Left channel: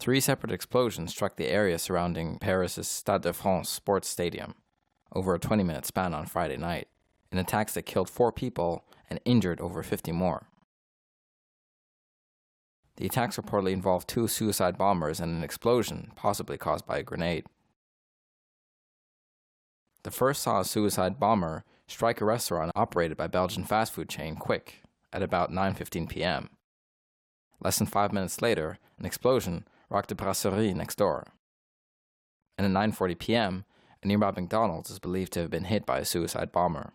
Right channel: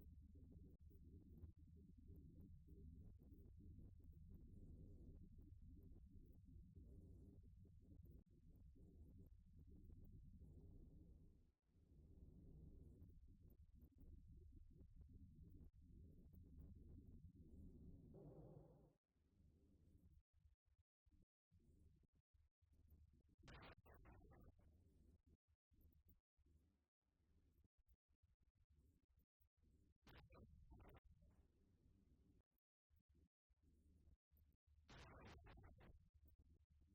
3 separate explosions struck the area surrounding Paris' Stade de France sports stadium over a 20-minute span on Friday night, in attacks that killed 4 people and injured over 50 more. The attacks reportedly involved 2 suicide bombers and an explosion, possibly caused by a grenade. The first saw a suicide bomber strike a restaurant operated by Belgian fast food chain Quick at about 9:15 p.m. Less than 5 minutes later, an explosion rocked a brasserie next door. And at 9:40 p.m., a nearby McDonald's is believed to have been hit by a suicide bomber.